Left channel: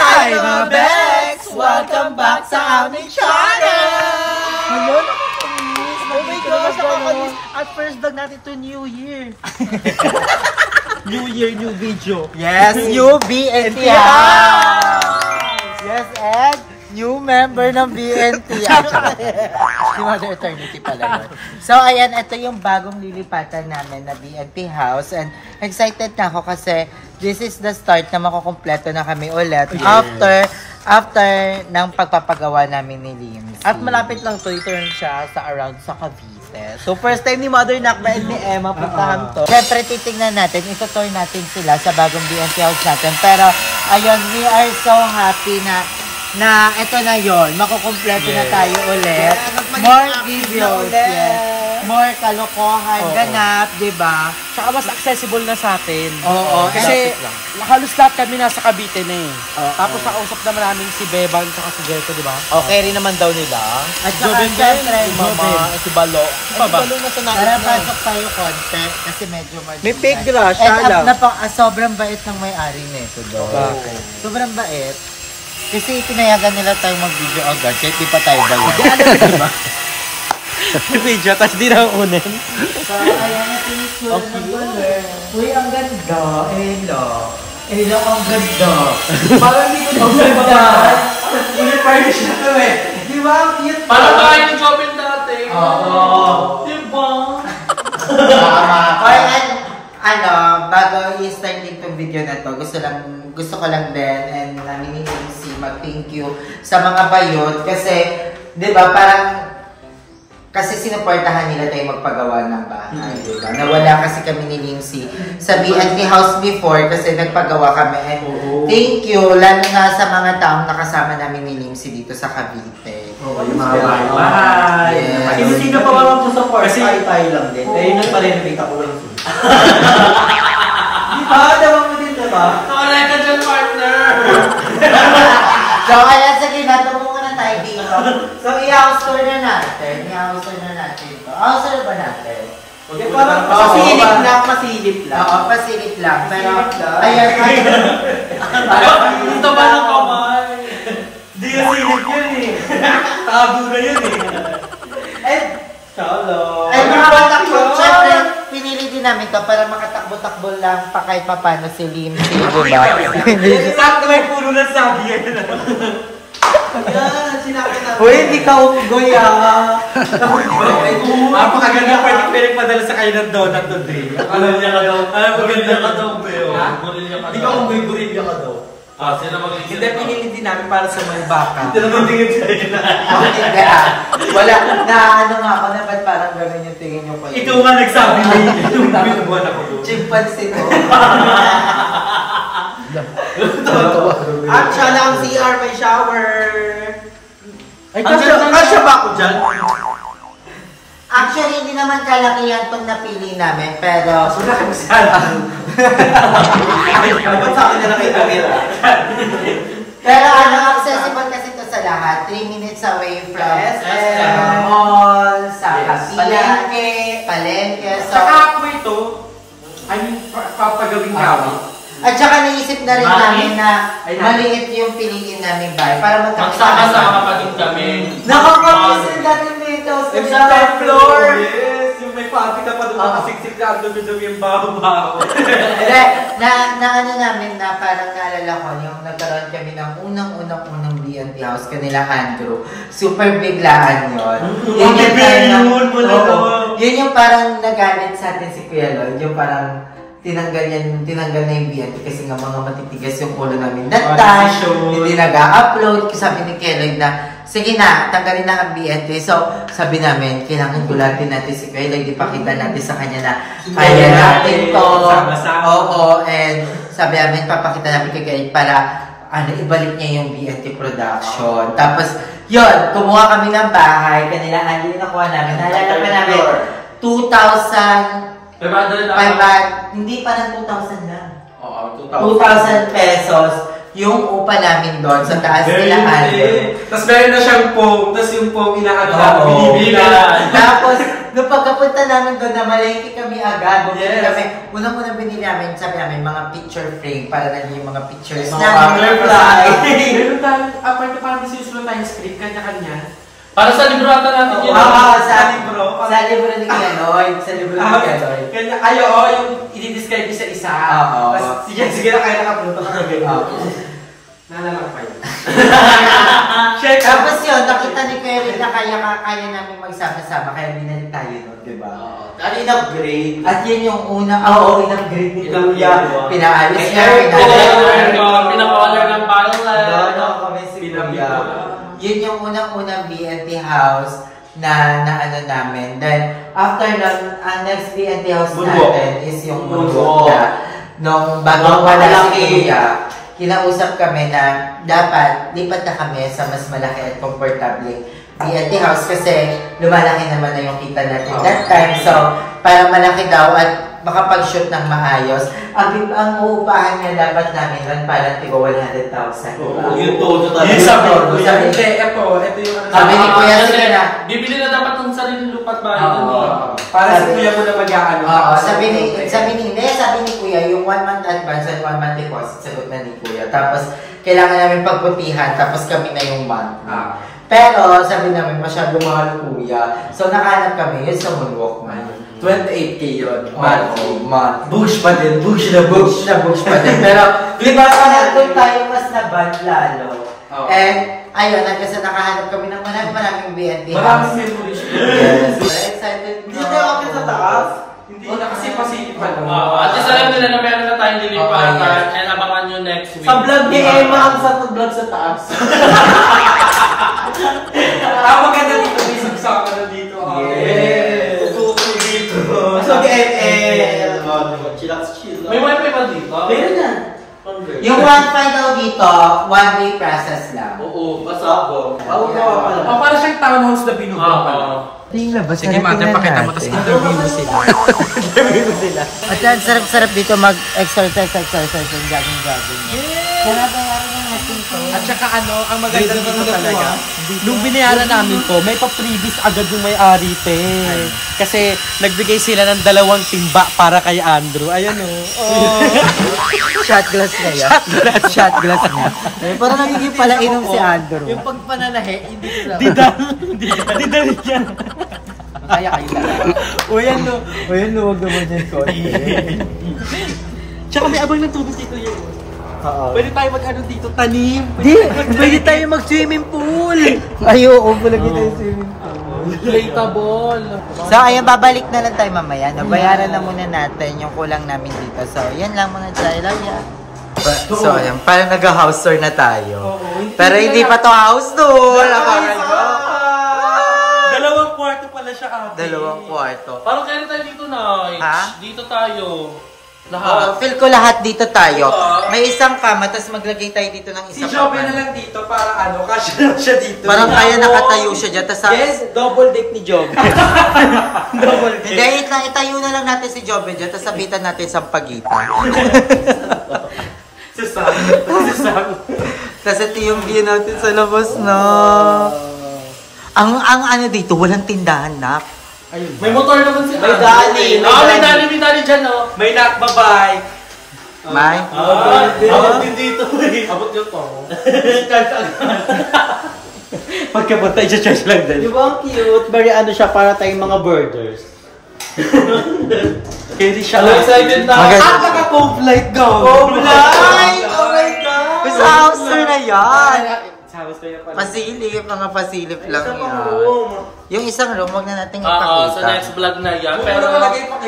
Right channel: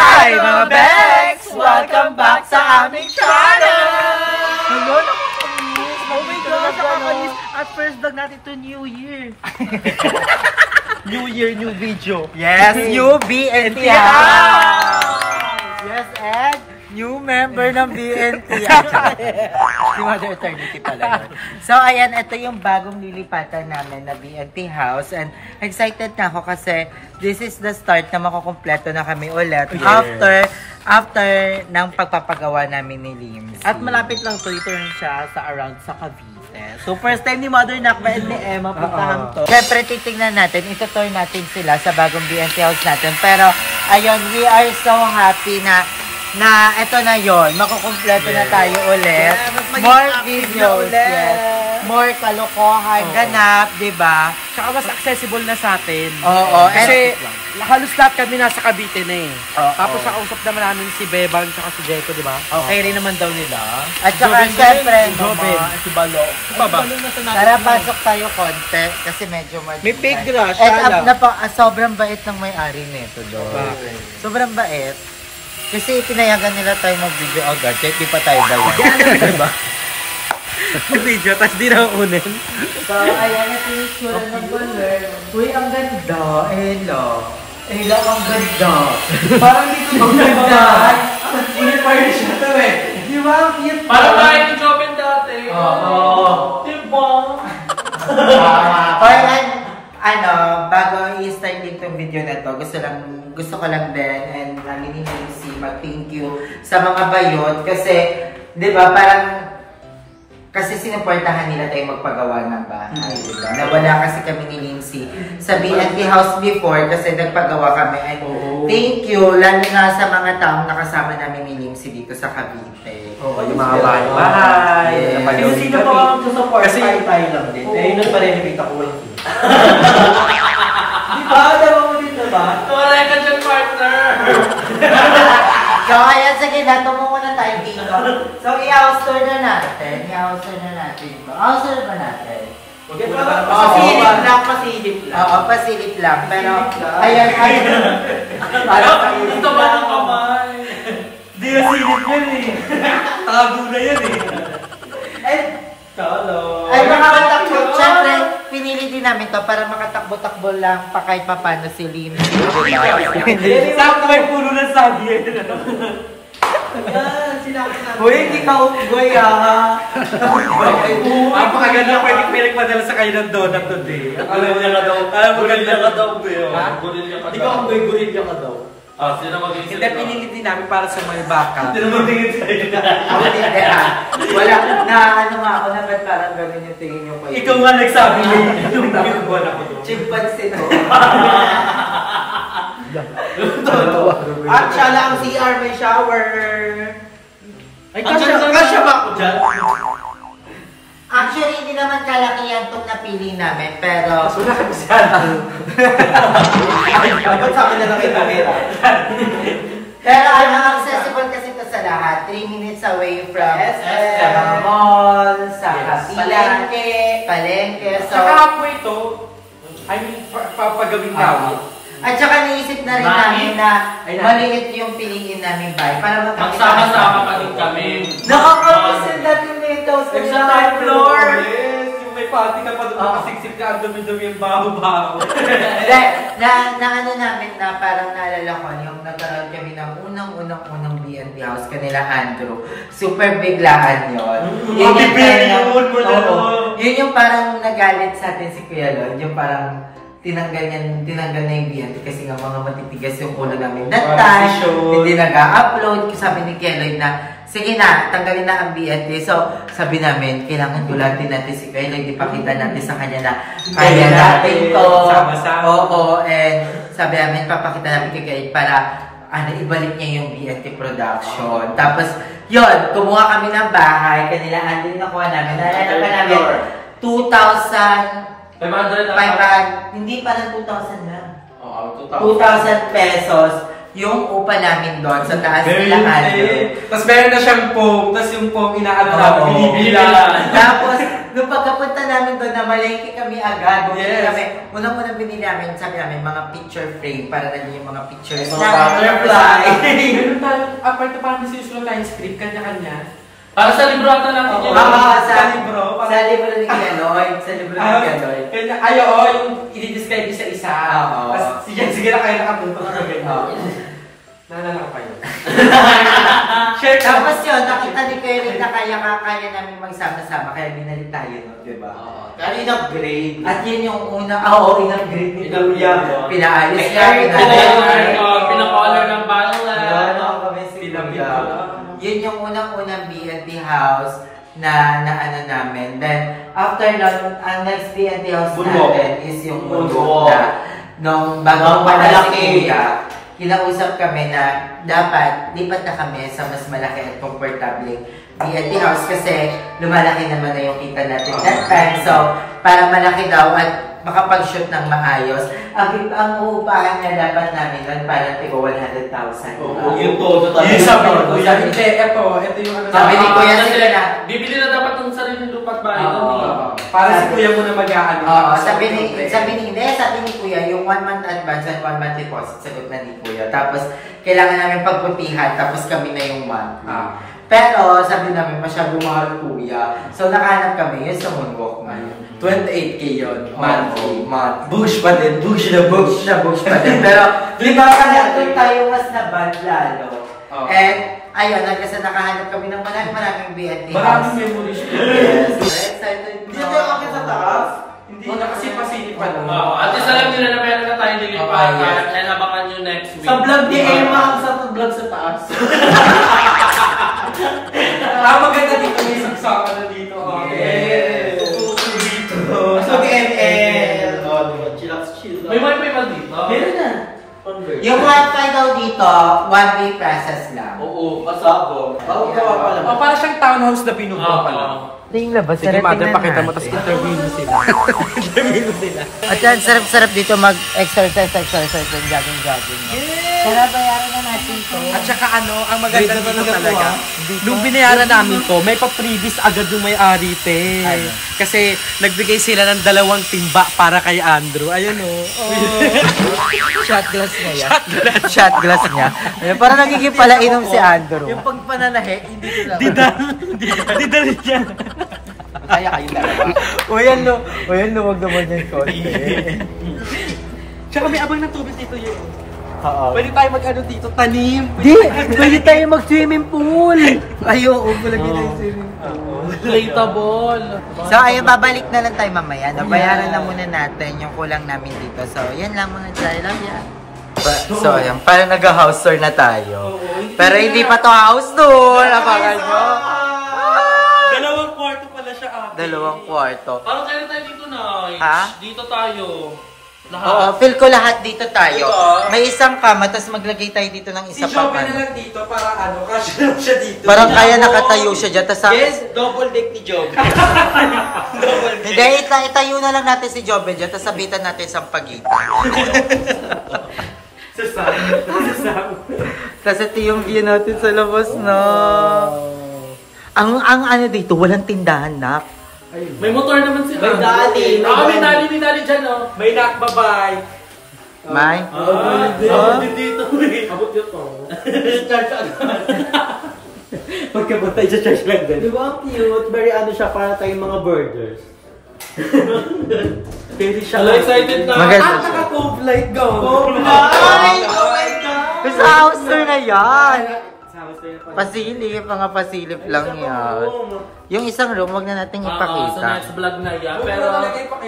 Hi mga Bex! Welcome back sa aming channel! Ngayon, nakakamiss. Oh my gosh, nakakamiss. At first vlog natin to New Year. New Year, new video. Yes, new BNT house! Yes, and new member ng BNT. Si Mother Eternity pala yun. So, ayan, ito yung bagong lilipatan namin na BNT house. And excited na ako kasi this is the start na makukumpleto na kami ulit. Yes. After ng pagpapagawa namin ni Lims. At malapit lang to, i-turn siya sa around sa Cavite. So, first time ni Mother Nakba and ni Emma puntahan to. Siyempre, titignan natin, itutour natin sila sa bagong BNT house natin. Pero, ayun, we are so happy na ito na yon, makukumpleto na tayo ulit. More videos, yes. More kalokohan, ganap, diba? Tsaka mas accessible na sa atin. Oo. Kasi halos lahat kami nasa Cavite na eh. Tapos nakausap naman namin si Beban tsaka si Gecko, diba? Okay rin naman daw nila. At saka siyempre, si Balo. Tara, pasok tayo konti kasi medyo may pig grass. And sobrang bait ng may-ari nito doon. Sobrang bait. Kasi pinayagan nila tayo mag-video agad kahit di pa tayo bayad. Diba? Video, tapos di na unin. So, ayan, ito yung sura ng baler. Uy, ang ganda. Ella. Ella, ang ganda. Parang hindi ko ganda. Hindi pa rin siya ito eh. Di ba? Ang cute. Parang kaya yung Joven dati. Oo. Diba? Ano, bago i-start din itong video na to, gusto ko lang din and namin si mag-thank you sa mga bayot kasi, di ba, parang kasi sinuportahan nila tayo magpagawa ng bahay, di ba? Nawala kasi kami ni Lindsay sa BNT house before kasi nagpagawa kami. And thank you, lalo na sa mga taong nakasama namin ni Lindsay dito sa Cavite. Yung mga bahay. Sino-sino pa ka lang support? Kasi tayo lang din. Eh, yun pa rin yung ko lang. Di ba? Dawa mo dito ba? Tumalay ka dyan, partner! So, ayan, sige, natungo muna tayo dito. So, i-house tour na natin. I-house tour na natin ito. House tour ba natin? Pasilip lang, pasilip lang. Oo, pasilip lang. Pero, ayan, Dito ba ng kamay? Di na silip yun eh. Tago na yun eh. Ay, makatakbo. Siyempre, pinili din namin to para makatakbo-takbo lang pa kahit papano si Lim. Sakto may puno ng sabi eh. Yan, sinakin natin. Uy, hindi ka umugoy ah. Napakaganda pwede pinagpadala sa kayo ng donut today. Alam mo niya ka daw. Alam mo ganda ka daw. Hindi ka umugoy, gorilla ka daw. Hindi, pinili din namin para sa may baka. Hindi naman tingin sa'yo na. Hindi wala na ano nga ako na ba't parang gawin yung tingin yung kayo. Ikaw nga nagsabi mo yung dapat buwan ako doon. Chimpanzee ko. At siya lang CR, may shower. Ay, kasya ba ako dyan? Actually, hindi naman kalakihan itong napili namin, pero... Sulat mo siya. Dapat sa akin na lang ipakita. Pero ano, accessible kasi ito sa lahat. 3 minutes away from sa mall, sa palengke. So, Saka ako ito, I mean, pagawin gamit. At saka naisip na rin namin na maliit yung piliin namin bahay para magsama-sama pa din kami. Nakakamiss natin mo ito. Sa top floor! Yes, yung may papi na pa doon nakasiksik na ang dumi-dumi yung baho-baho. Hindi, na ano namin na parang naalala ko yung nagkaroon kami ng unang BNT house kanila Andrew. Super biglaan yun. Yun yung parang nagalit sa atin si Kuya Lloyd. Yung parang tinanggal na yung BNT kasi nga mga matitigas yung ulo namin. That time, hindi nag-upload. Sabi ni Kuya Lloyd na, sige na, tanggalin na ang BNT. So, sabi namin, kailangan gulatin natin si Kuya Lloyd. Ipakita natin sa kanya na kaya natin to. Oo, and sabi namin, papakita namin kay Kuya Lloyd para ibalik niya yung BNT production. Tapos, yun, kumuha kami ng bahay. Kanila, hindi nakuha namin. Nalala pa namin, 2,000 hindi pa ng 2,000 lang. 2,000 pesos yung upa namin doon sa taas nila Aldo. Tapos meron na siyang foam, tapos yung foam inaadla, binibili. Tapos, nung pagkapunta namin doon, namalengke kami agad. Kami, unang-unang binili namin, sabi namin, mga picture frame para naging yung mga pictures namin. Butterfly. apart na parang sinusulat tayong script, kanya-kanya. Para sa libro ata natin yun. Sa libro ni Kuya Lloyd. Sa libro ni Kuya Lloyd. Yung i-describe isa-isa. Tapos sige na kayo nakapunta ka ganyan. Naalala pa yun. Tapos yun, nakita ni Kuya Lloyd na kaya namin magsama-sama, kaya binalik tayo nun, diba? Ano in-upgrade? At yun yung una, in-upgrade ni Kuya. Pinaayos niya, pinakolor ng bala. Kami si Kuya. Yun yung unang-unang BNT house na ano namin. Then, after nun, ang next BNT house natin is yung Moonwalk na nung bago wala si Kuya. Kinausap kami na dapat lipat na kami sa mas malaki at komportableng BNT house kasi lumalaki naman na yung kita natin that time. So, para malaki daw at makapag-shoot ng maayos, ang uupahan nga dapat namin nun para tigo 100,000. Yun po. Sabi ni Kuya sila na, bibili na dapat ng sariling lupa't bahay. Para si Kuya mo na mag-aano. Sabi ni Kuya, yung 1 month advance and 1 month deposit, sagot na ni Kuya. Tapos, kailangan namin pagputihan, tapos kami na yung month. Pero, sabi namin, masyadong mahal Kuya. So, nakahanap kami, yun sa Moonwalk man. 28K yun. Monthly. Bush pa din. Bush pa din. Pero, di ba pa doon tayo mas naband lalo. And, ayun, hanggang sa nakahanap kami ng maraming BNT house. Maraming memories. Excited. Hindi tayo okay sa taas? Hindi na kasi pasilip pa lang. At isa lang nila na meron na tayong lilipatan and abangan nyo next week. Sa vlog ni Emma ang sa vlog sa taas. Maganda dito. May sagsaka na dito. Mas mag-ML. May wifi ba dito? Meron yan. Yung wifi daw dito, 1-day process lang. Oo, basta ako. Para siyang townhouse na binubong pala. Tingnan ba? Sige, mother, pakita mo, tapos interview mo sila. At yan, sarap-sarap dito mag-exercise and jogging. Kaya bayaran na natin to. At saka ang maganda dito talaga, nung binayaran namin to, may pa-previous agad yung may-ari, te. Kasi nagbigay sila ng 2 timba para kay Andrew. Ayun Shot glass niya. Shot glass niya. Parang nagiging pala inom si Andrew. Yung pagpanalahe, hindi ko lang. Didali niya. Kaya kayo dalawa. O yan no, wag naman yan konti. Tsaka may abang ng tubig dito yun. Pwede tayo mag-ano dito, tanim. Pwede tayo mag-swimming pool. Ayoko, bulag na tayo swimming pool. Relatable. So, ayun, babalik na lang tayo mamaya. Nabayaran na muna natin yung kulang namin dito. So, yan lang mga Jailaw. So, ayun, parang nag-house tour na tayo. Pero hindi pa to house tour. Abangan nyo. 2 kwarto pala siya, ate. 2 kwarto. Parang kaya tayo dito na. Ha? Dito tayo. Oo, feel ko lahat dito tayo. May isang kama, tapos maglagay tayo dito ng isa Si pa. Joby na lang dito para kasya lang siya dito. Parang kaya nakatayo siya dyan. Tas, Yes, double deck ni Joby. Hindi, itayo na lang natin si Joby dyan, tapos sabitan natin sa pagitan. Tapos ito yung view natin sa labas na. Ang ano dito, walang tindahan na. May motor naman si May dali. May dali dyan, no? May nakbabike. May? Dito. Abot yun to. Pagkapunta, i-charge lang din. Di ba ang cute? Very ano siya, para tayong mga birders. Hindi siya. Excited na. Maganda. Naka-pop light go. Pop light! Oh my God! Sa house tour na yan! Pasilip, mga pasilip lang yan. Yung isang room, wag na natin ipakita. Sa next vlog na yan. Pero,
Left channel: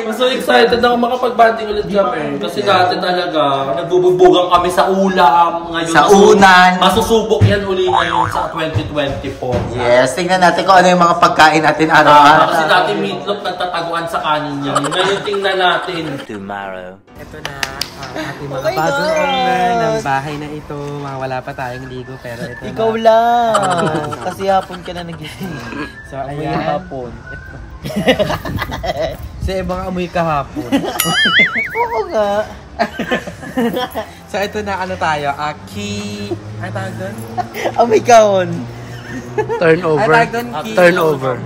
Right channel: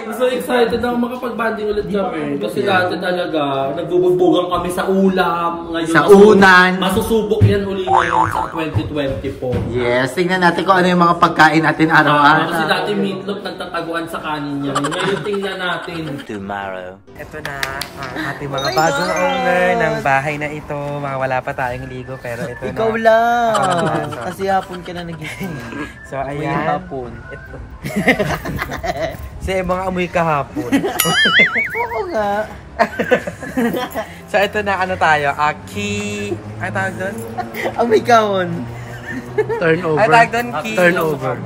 mas so excited ako makapag-banding ulit kami. Kasi dati talaga, nagbubugbugan kami sa ulam. Ngayon, Sa unan. Masusubok yan uli ngayon sa 2024. Yes, tingnan natin kung ano yung mga pagkain natin Kasi araw-araw. dati meatloaf nagtataguan sa kanin yan. Ngayon tingnan natin. Tomorrow. Ito na ang ating mga bagong owner ng bahay na ito. Mga wala pa tayong ligo, pero ito na. Ikaw lang! Kasi hapon ka na nagising. So, ayan. Hapon. Ito. Si mga amoy kahapon. Oo nga. So, ito na ano tayo. Key... Ano tawag doon? Amoy kahon. Ano tawag doon? Key... Turnover.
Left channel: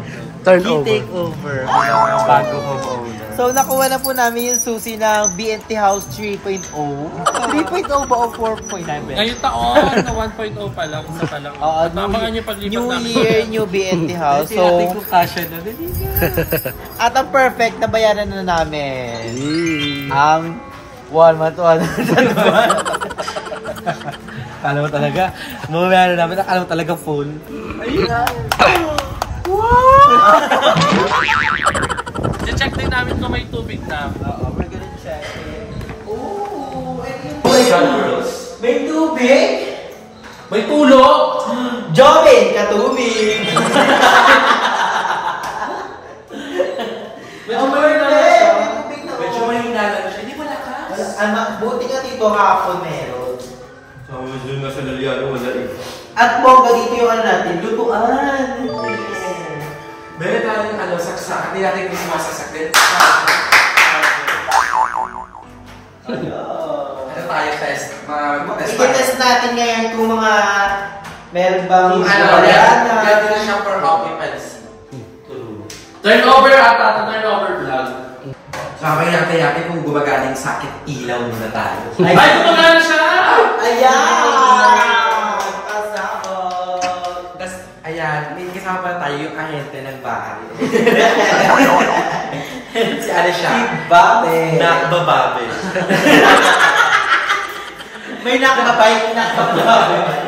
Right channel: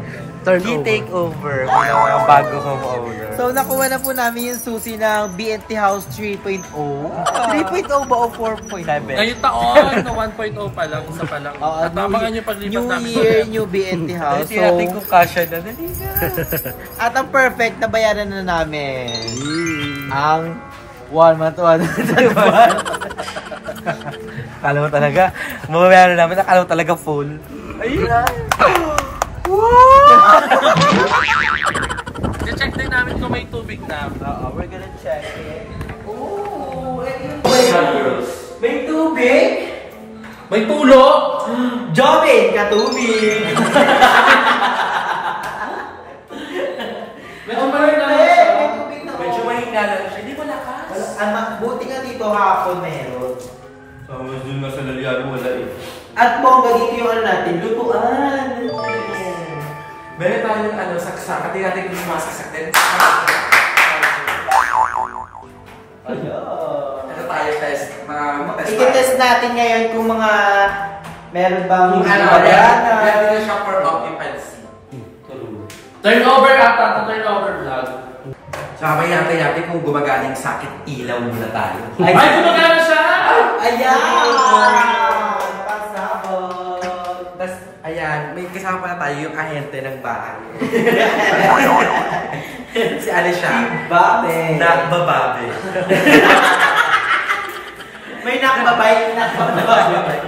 Key takeover. Mga bago home owner. So, nakuha na po namin yung susi ng BNT House 3.0. 3.0 ba o 4.0? Ngayong taon, 1.0 pa lang, isa pa lang. At abangan nyo paglipat namin. New Year, New BNT House. So, natin kung kasya na. at ang perfect na bayaran na namin. Ang 1 month, 1 month. Kala mo talaga, mamamayari namin, nakala mo talaga full. Ayun. Check din namin kung may tubig na. We're gonna check it. Oh, girls. May tubig? May tulo! Jobin, katubig! Medyo mahina lang siya. Medyo mahina lang siya. Hindi malakas. Buti nga dito hapon meron. So, doon na sa Laliano, wala eh. At bongga dito yung ano natin, lutuan. Meron tayong saksak. Hindi natin gusto masaksak din. Ano tayo test? I-test natin ngayon kung mga meron bang Pwede na siya for occupancy. Turnover ata, turnover vlog. Sabay natin kung gumagana yung sakit, ilaw muna tayo. Ay, gumagana siya! Ayan! Pasabog! Tapos, ayan, may kasama pa na tayo yung ahente ng bahay. Si ano siya? Babe! Nakbababe. May nakbabay,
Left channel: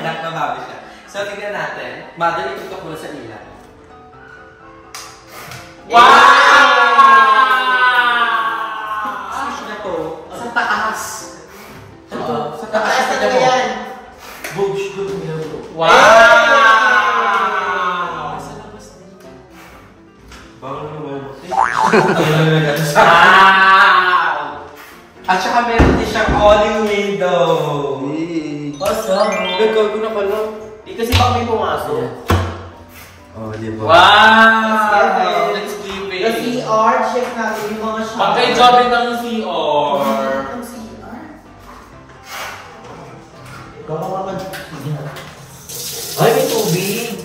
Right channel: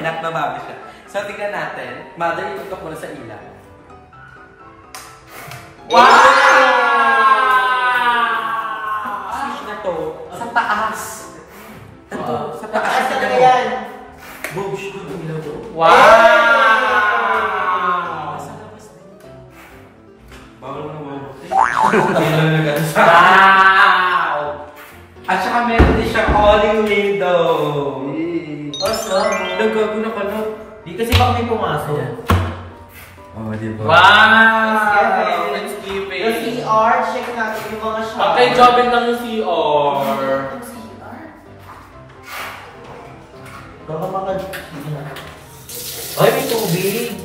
Nakbababe siya. So, tingnan natin. Mother, itutok mo na sa ilaw. Wow! Sa taas. Ito, sa taas talaga yan. Boobs, good mo yan. Wow! Bawal mo naman. Wow! At saka meron din siyang awning window. Awesome. Nagkaguna ka lang. Di kasi baka may pumasok. Oh, diba? Wow! Let's give it. The CR, check natin yung mga shower. Okay, jobin lang yung CR. Baka ay, may tubig.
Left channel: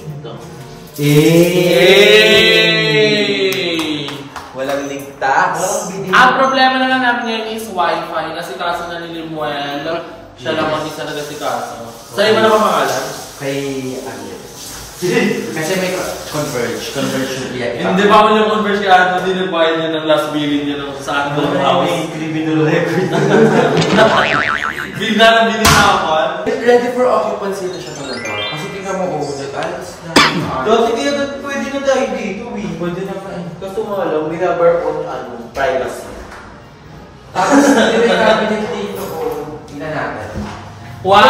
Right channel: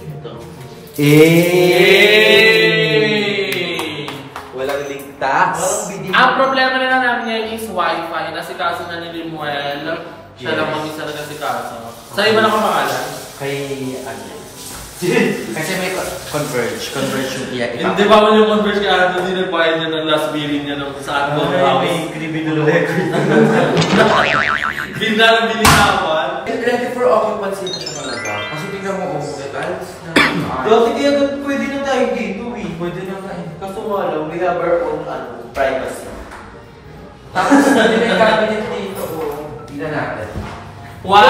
Walang ligtas. Ang problema na lang namin ngayon is wifi. Nasikaso na ni Limuel. Siya lang ang isa na nasikaso. Sa'yo ba na pangalan? Kay kasi may converge yung iya. Hindi ba ako yung converse kaya hindi nagbayad niya ng last billing niya ng saan mo may criminal record. Hindi na lang bininapan. Ready for occupancy na siya talaga. Kasi tingnan mo kung details na. Dati kaya pwede na tayo dito eh. Pwede na tayo. Kaso nga lang, we have our own privacy. Tapos hindi may cabinet dito. Tingnan natin. Wow!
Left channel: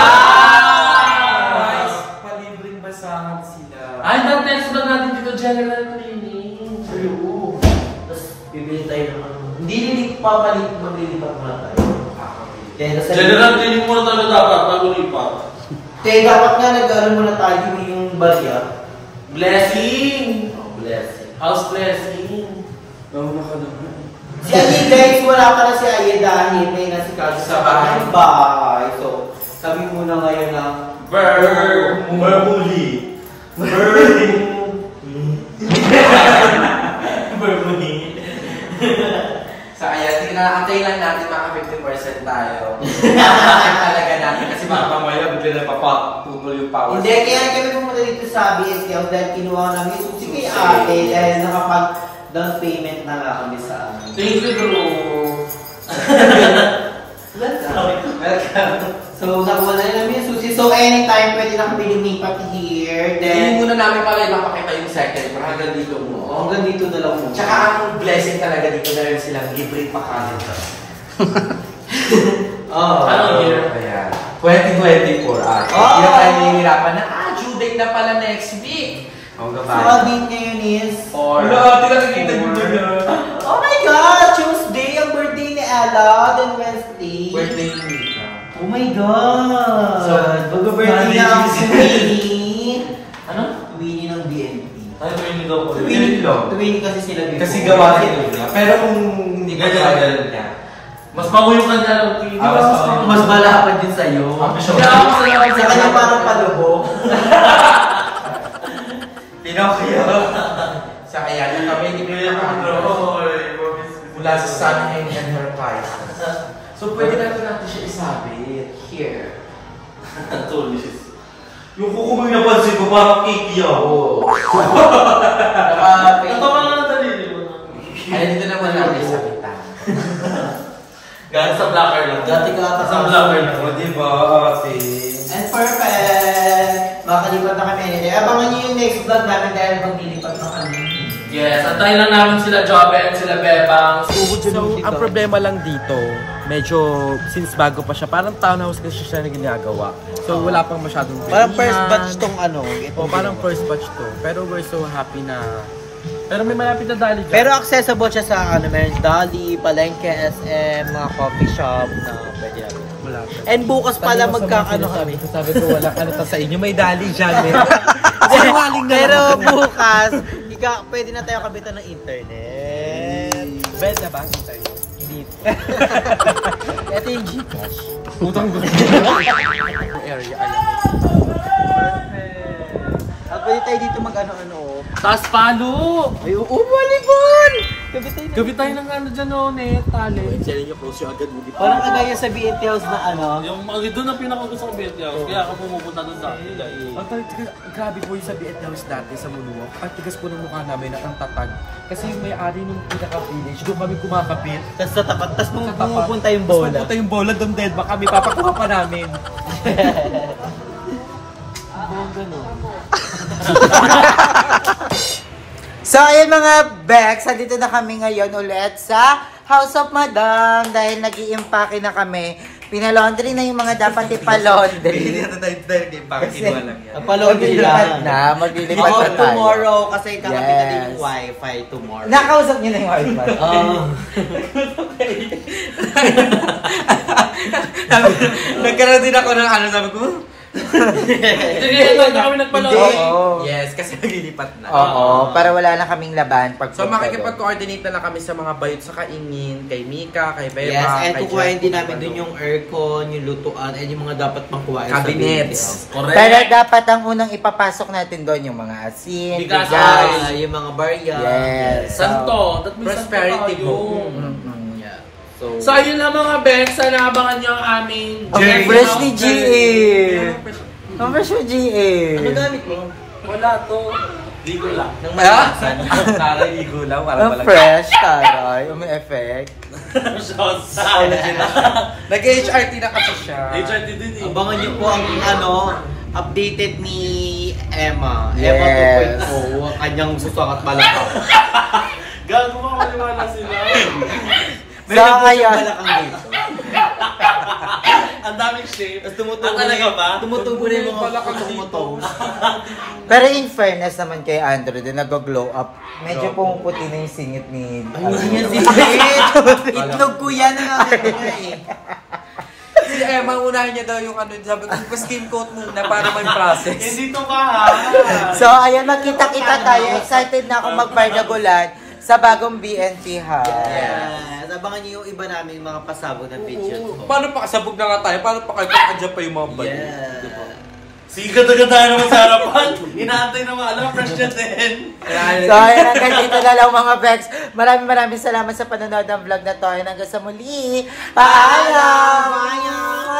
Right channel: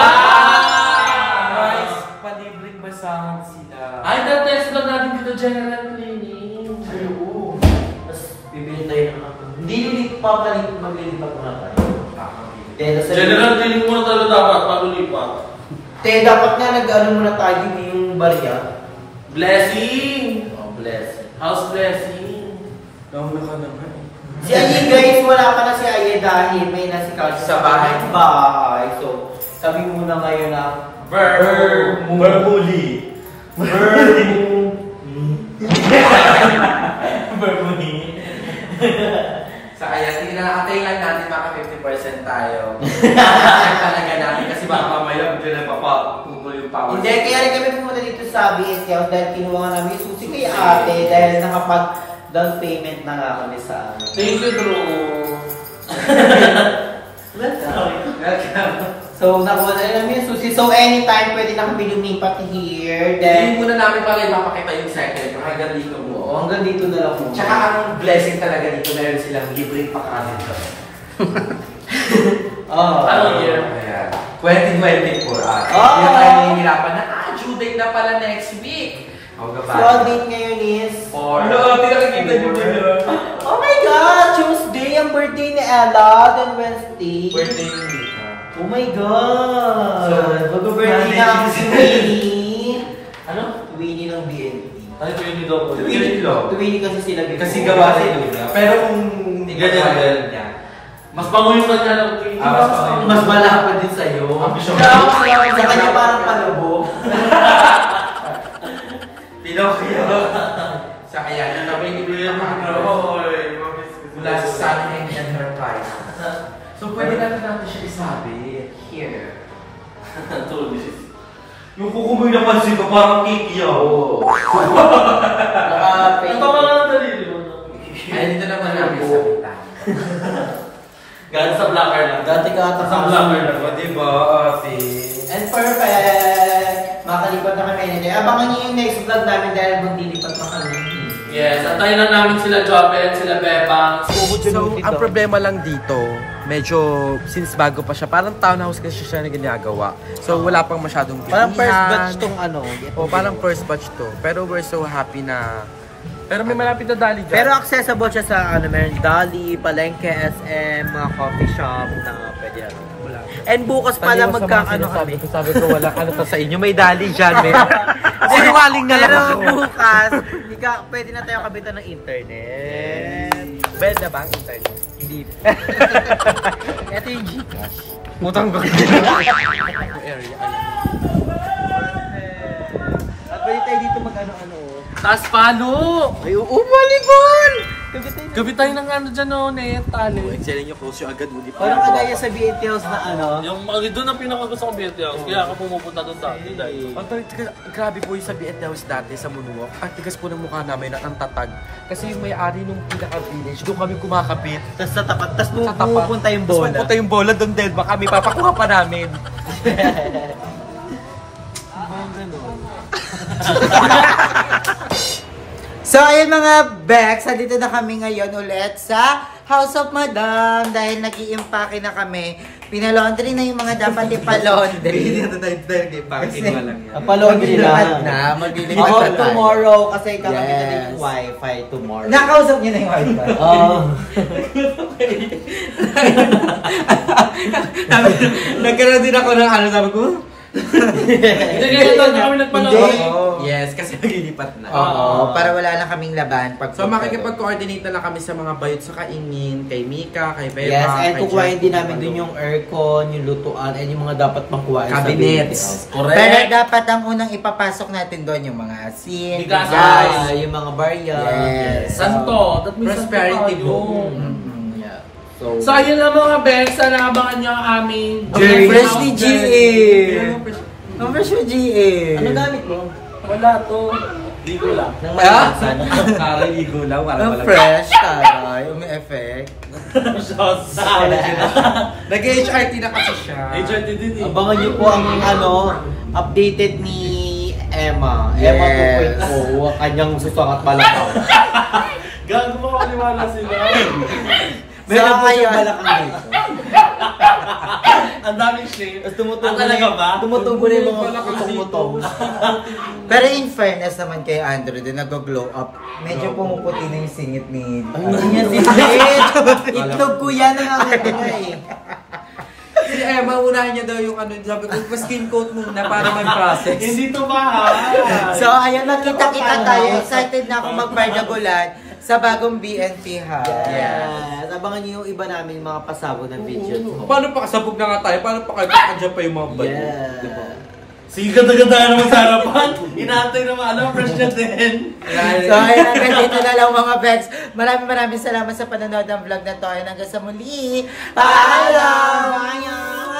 Palibreng basahan sila. Ay, na-test lang natin dito general cleaning. True. Tapos bibili tayo ng hindi papalit, maglilipat muna tayo. General cleaning muna tayo dapat bago lipat. Dapat nga nag-ano muna tayo yung barya. Blessing! Oh, blessing. House blessing. Si Aye guys, wala pa na si Aye dahil may nasikaso sa bahay. So, kami muna ngayon ng Bermuli. So ayan, tingnan natin baka 50% tayo. Talaga natin kasi baka mamaya bigla na papatutol yung power. Hindi, kaya kami pumunta dito sa BSK House dahil kinuha namin yung susi kay ate dahil nakapag down payment na nga kami sa Thank you, Drew. Welcome. So, nakuha na namin yung susi. So, anytime pwede na kami lumipat here. Hindi Then, muna namin pala ipapakita yung second pero hanggang dito mo. hanggang dito na lang muna. Tsaka ang blessing talaga dito meron silang libreng pakanin. Ano year? Ayan. 2024 at. Hindi na tayo nahihirapan na, due date na pala next week. So, ang date ngayon is... nakikita nyo ba yun? Oh my God! Tuesday ang birthday ni Ella. Then Wednesday. Birthday ni Mika. Oh my God! So, mag-birthday na ang si Winnie. Ano? Winnie ng BNP. Ano ba yung daw po? Twin kasi sila before. Kasi gawa nila. Pero kung hindi ka Ganyan. niya. Mas bango yung kanya ng cleaning. Mas malapad din sa'yo. Sure. Sa kanya parang palubog. Pinokyo. Sa kaya, yung tabay ni Kuya Mula sa Sunny and Enterprise. So pwede natin siya isabi. Here. Yung kukuming napansin ko, parang kiki ako. Naka-pay. Ito ka lang ang dalili mo. Ay, dito naman natin sabitan. Galing sa blacker lang. Dati ka Sa blacker lang. O diba, ate? And perfect! Makalipat na kami nila. Abangan niyo yung next vlog namin dahil maglilipat na kami. Yes, antayin lang namin sila Joben, sila Bebang. So, ang problema lang dito, medyo, since bago pa siya, parang townhouse kasi siya na ginagawa. So, wala pang masyadong bilihan. Parang first batch tong ano. O, parang first batch to. Pero we're so happy na... Pero may malapit na Dali dyan. Pero accessible siya sa ano, meron Dali, Palengke, SM, mga coffee shop na pwede yan. Malapit. And bukas pala magkakano kami. Sabi ko, wala ano to sa inyo. May Dali dyan, may... Sinungaling na Pero lang. bukas, pwede na tayo kabitan ng internet. Bed na ba ang internet? Hindi. Ito yung Gcash. Utang ba? Area, at pwede tayo dito mag-ano-ano. Taas palo! Ay, volleyball! Gabi tayo ng ano dyan o, net, tali. Sila nyo close yung agad mo. Parang kagaya sa BNT House na ano. Yung doon ang pinakagusto kong BNT House. Kaya ako pumupunta doon dati dahil. Grabe po yung sa BNT House dati sa Moonwalk. Ang tigas po ng mukha namin at ang tatag. Kasi yung may-ari nung pinaka-village, doon kami kumakapit. Tapos sa tapat, tapos pupunta yung bola. Tapos pupunta yung bola, doon dead ba kami, papakuha pa namin. So, ayun mga Bex, dito na kami ngayon ulit sa House of Madam dahil nag-i-impake na kami. Pinalaundry na yung mga dapat ipalaundry. Palondry na. Maglilipat na tomorrow kasi kakapita din yung wifi tomorrow. Nakausap niyo na yung wifi? Oo. Nagkaroon din ako ng ano, sabi ko, Hindi kaya kami nagpalawag. yes, kasi naglilipat na. Oo, para wala na kaming laban. So makikipag-coordinate na lang kami sa mga bayot sa kaingin, kay Mika, kay Beba, yes, and kay kukuhain din Jeff, namin dun yung aircon, yung lutuan, and yung mga dapat pang kuhain cabinets. sa baby. Correct. Pero dapat ang unang ipapasok natin doon yung mga asin, Bigas. yung mga barya. Yes. Santo. That means Prosperity santo book. tayo. So, ayun lang mga Bex. Sana abangan nyo ang aming Ang fresh ni GA! Ano, fresh? Ang fresh ni GA! Ano gamit mo? Wala to. Ligo lang. Parang igo lang, parang Ang walang... fresh, taray. May effect. Nag-HRT na kasi siya. HRT din eh. Abangan niyo po ang updated ni Emma. Yes. Emma 2.0, ang kanyang susangat balakaw. Gago mo maniwala sila. May nabot yung balakang dito. Ang daming shape. Tapos tumutubo talaga ba? Tumutubo na yung mga kutong-mutong. Pero in fairness naman kay Andrew, din nag-glow up. Medyo pumuputi na yung singit ni... Ano yan singit? Itlog ko yan ang nakita ko eh. Si Emma, unahin niya daw yung ano, sabi ko, skin coat muna para mag-process. Hindi to ba? So, ayan, nakita-kita tayo. Excited na ako mag-bardagulan sa bagong BNT House. Yes. Abangan niyo yung iba namin mga pasabog ng video. Paano pa kasabog na nga tayo? Paano pa kayo pag-adya pa yung mga bad? Yeah. Sige, ganda-ganda naman sa harapan. Inaantay na mga alam, fresh na din. So, ayan, hanggang dito na lang mga Bex. Maraming salamat sa panonood ng vlog na to. Hanggang sa muli. Paalam!